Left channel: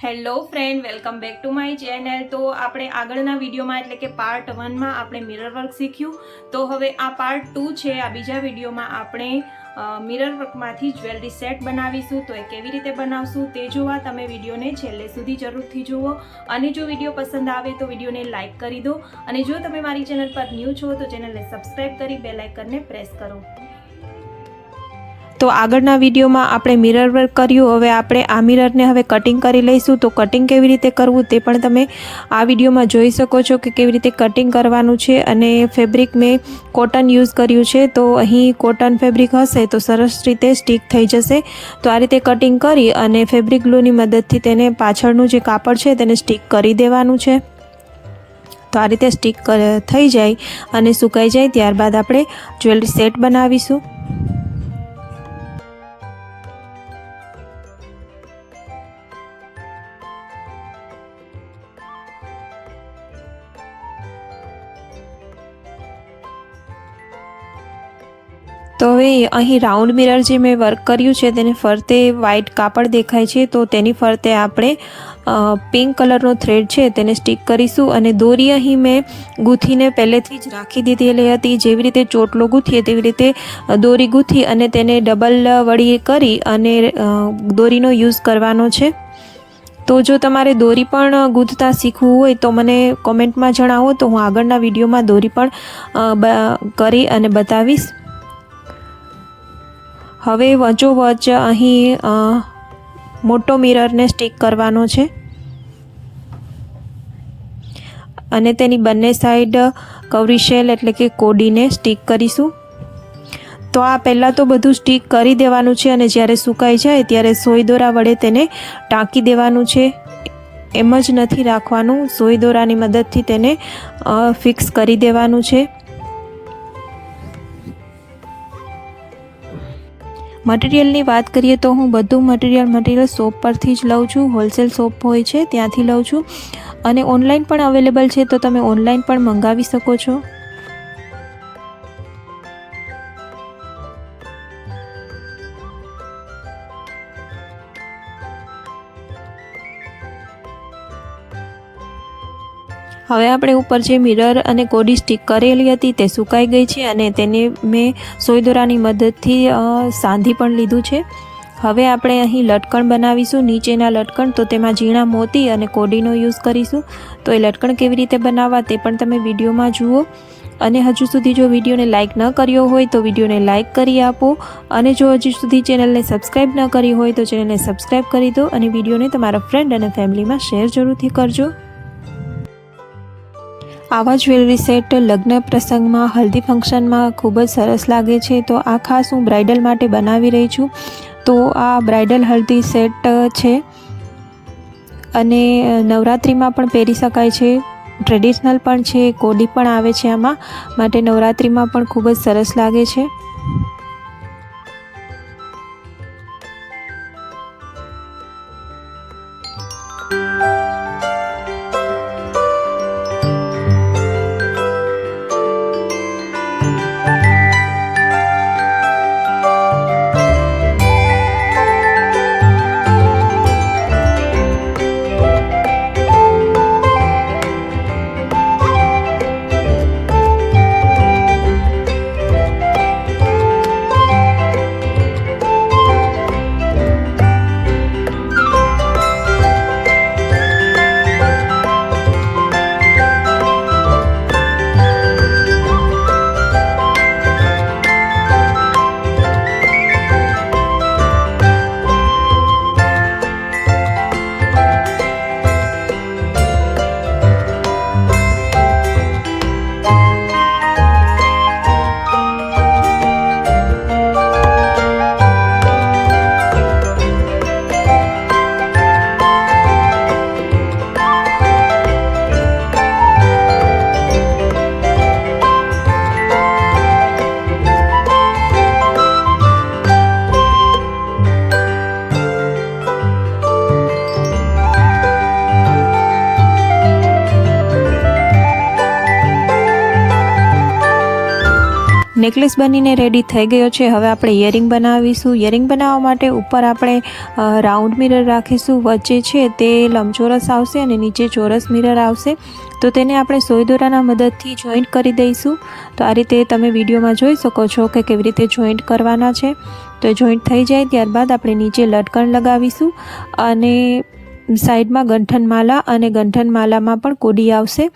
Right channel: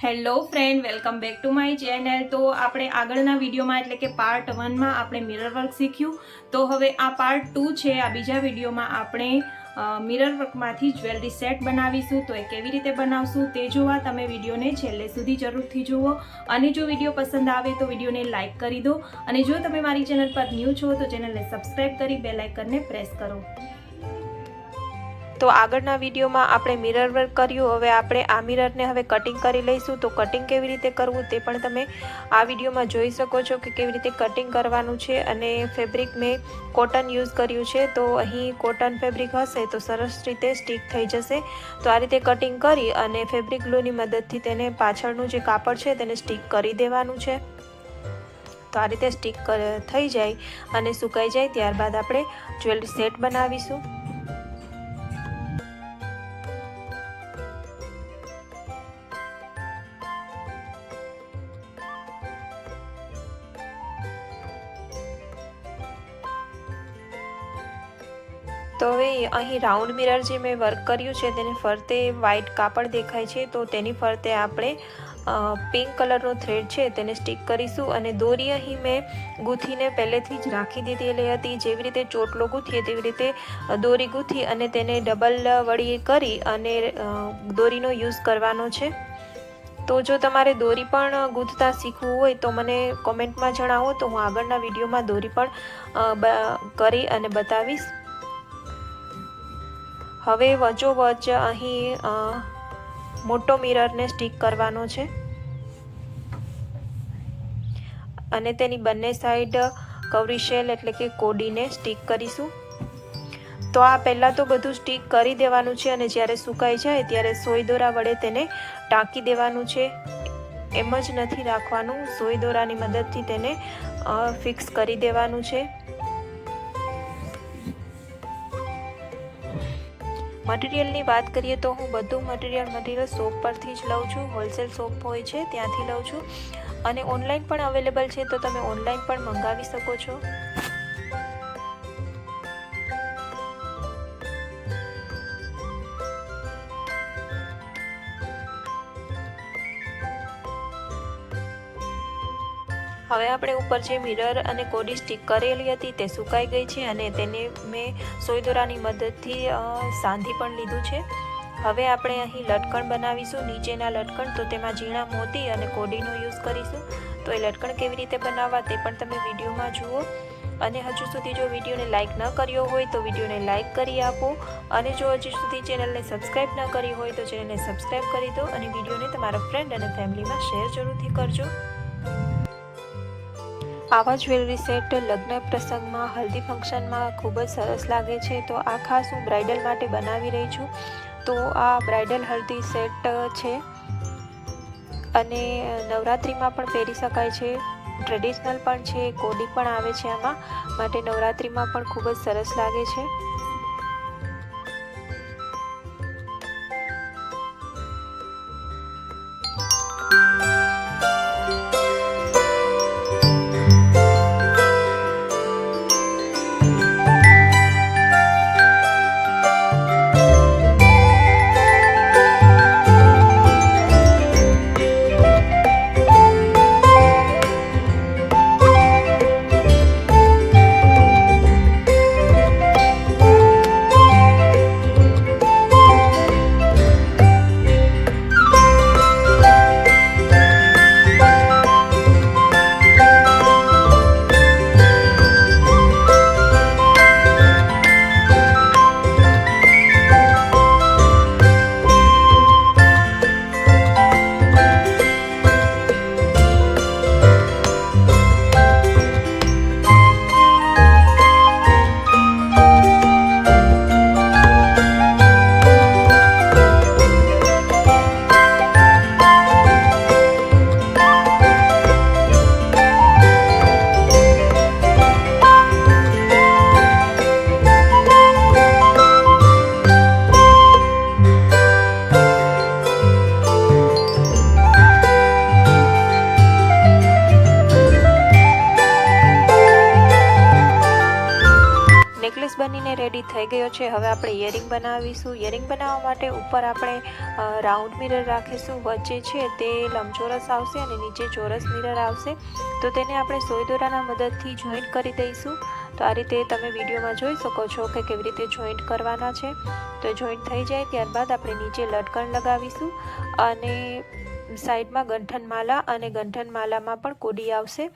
Hello friend, welcome back to my channel. તો આપણે આગળના વિડીયોમાં એટલે કે પાર્ટ 1માં આપણે મિરર વર્ક શીખ્યું। તો હવે આ પાર્ટ 2 છે। આ બીજા વિડીયોમાં આપણે મિરર વર્કમાંથી જ્વેલરી સેટ બનાવીશું। તો એ કેવી રીતે બનાવશું તે જોવા તમે વિડીયોને છેલ્લે સુધી જરૂરથી જુઓ। અને જો વિડીયો પસંદ આવે તો વિડીયોને લાઇક કરી દો। અને જો તમે મારી ચેનલ પર ન્યૂ છો તો ચેનલને સબસ્ક્રાઈબ કરી બેલ આઇકનને પ્રેસ કરો। તો આગળના વિડીયોમાં આપણે મિરર વર્ક કર્યું। હવે આપણે આ મિરરને હવે કટિંગ કરી લઈશું। તો કટિંગ કેવી રીતે કરવું તે પણ તમે આ વિડીયોમાં જોઈ શકો છો કે કેવી રીતે કટિંગ કરવાનું છે। અને ફેબ્રિક મેં કોટન યુઝ કર્યું છે। તો અહીં કોટન ફેબ્રિક હશે તો સરસ રીતે સ્ટીક થઈ જશે। તો આ રીતે કટિંગ કરી અને ફેબ્રિક ગ્લુની મદદથી તેને પાછળનું જે કાપડ છે તેને સ્ટીક કરી દેવાનું છે। તો આ રીતે સ્ટીક થઈ જાય અને સુકાઈ જાય ત્યારબાદ આપણે જ્વેલરી સેટ બનાવીશું। તો હવે અહીં રાઉન્ડ મિરર જે મેં વર્ક કર્યું છે તેને ફરતે વ્હાઇટ કાપડ દેખાય છે। તો તેની ફરતે આપણે પિંક કલરનો થ્રેડ છે તેને સ્ટીક કરીશું। અને દોરી અહીં મેં ગૂંથીને પહેલેથી જ રાખી દીધેલી હતી। જેવી રીતે ચોટલો ગૂંથીએ તેવી રીતે દોરી ગૂંથી અને તેને ડબલ વળી કરી અને દોરીનો યુઝ કરવાનો છે। તો જો તમારે દોરી પણ ગૂંથતા શીખવું હોય તો મને કોમેન્ટમાં જણાવો, તો હું આગળના વિડીયોમાં દોરી પણ કરી અને બતાવીશ। હવે વચ્ચોવચ્ચ અહીં મોટો મિરરને સ્ટીક કરવાનો છે અને તેની બંને સાઈડ કવરી શેલ એટલે કે કોડીને સ્ટીક કરીશું। તો આ પહેલાં તો બધું સ્ટીક કરી દેવાનું છે અને જ્યારે સુકાઈ જાય ત્યારે સોય દોરા વડે તેને ટાંકી દેવાનું છે। એમ જ નથી રાખવાનું, સોય દોરાની મદદથી તેને ફિક્સ કરી દેવાનું છે। મટીરિયલની વાત કરીએ તો હું બધું મટીરિયલ શોપ પરથી જ લઉં છું। હોલસેલ શોપ હોય છે ત્યાંથી લઉં છું અને ઓનલાઈન પણ અવેલેબલ છે, તો તમે ઓનલાઈન પણ મંગાવી શકો છો। હવે આપણે ઉપર જે મિરર અને કોડી સ્ટીક કરેલી હતી તે સુકાઈ ગઈ છે અને તેને મેં સોય દોરાની મદદથી સાંધી પણ લીધું છે। હવે આપણે અહીં લટકણ બનાવીશું, નીચેના લટકણ। તો તેમાં ઝીણા મોતી અને કોડીનો યુઝ કરીશું। તો એ લટકણ કેવી રીતે બનાવવા તે પણ તમે વિડીયોમાં જુઓ। અને હજુ સુધી જો વિડીયોને લાઇક ન કર્યો હોય તો વિડીયોને લાઇક કરી આપો। અને જો હજુ સુધી ચેનલને સબસ્ક્રાઈબ ન કરી હોય તો ચેનલને સબસ્ક્રાઈબ કરી દો અને વિડીયોને તમારા ફ્રેન્ડ અને ફેમિલીમાં શેર જરૂરથી કરજો। આવા જ્વેલરી સેટ લગ્ન પ્રસંગમાં, હલ્દી ફંક્શનમાં ખૂબ જ સરસ લાગે છે। તો આ ખાસ હું બ્રાઇડલ માટે બનાવી રહી છું। તો આ બ્રાઇડલ હલ્દી સેટ છે અને નવરાત્રિમાં પણ પહેરી શકાય છે, ટ્રેડિશનલ પણ છે, કોડી પણ આવે છે આમાં, માટે નવરાત્રિમાં પણ ખૂબ જ સરસ લાગે છે। નેકલેસ બનીને રેડી થઈ ગયો છે. હવે આપણે ઇયરિંગ બનાવીશું. ઇયરિંગ બનાવવા માટે ઉપર આપણે રાઉન્ડ મિરર રાખીશું. વચ્ચે છે તે લંબચોરસ આવશે અને નીચે ચોરસ મિરર આવશે. તો તેને આપણે સોય દોરાના મદદથી જોઈન્ટ કરી દઈશું. તો આ રીતે તમે વિડીયોમાં જોઈ શકો છો કે કેવી રીતે જોઈન્ટ કરવાના છે. તો જોઈન્ટ થઈ જાય ત્યારબાદ આપણે નીચે લટકણ લગાવીશું અને સાઈડમાં ગંઠનમાલા અને ગંઠનમાલામાં પણ કોડી આવશે.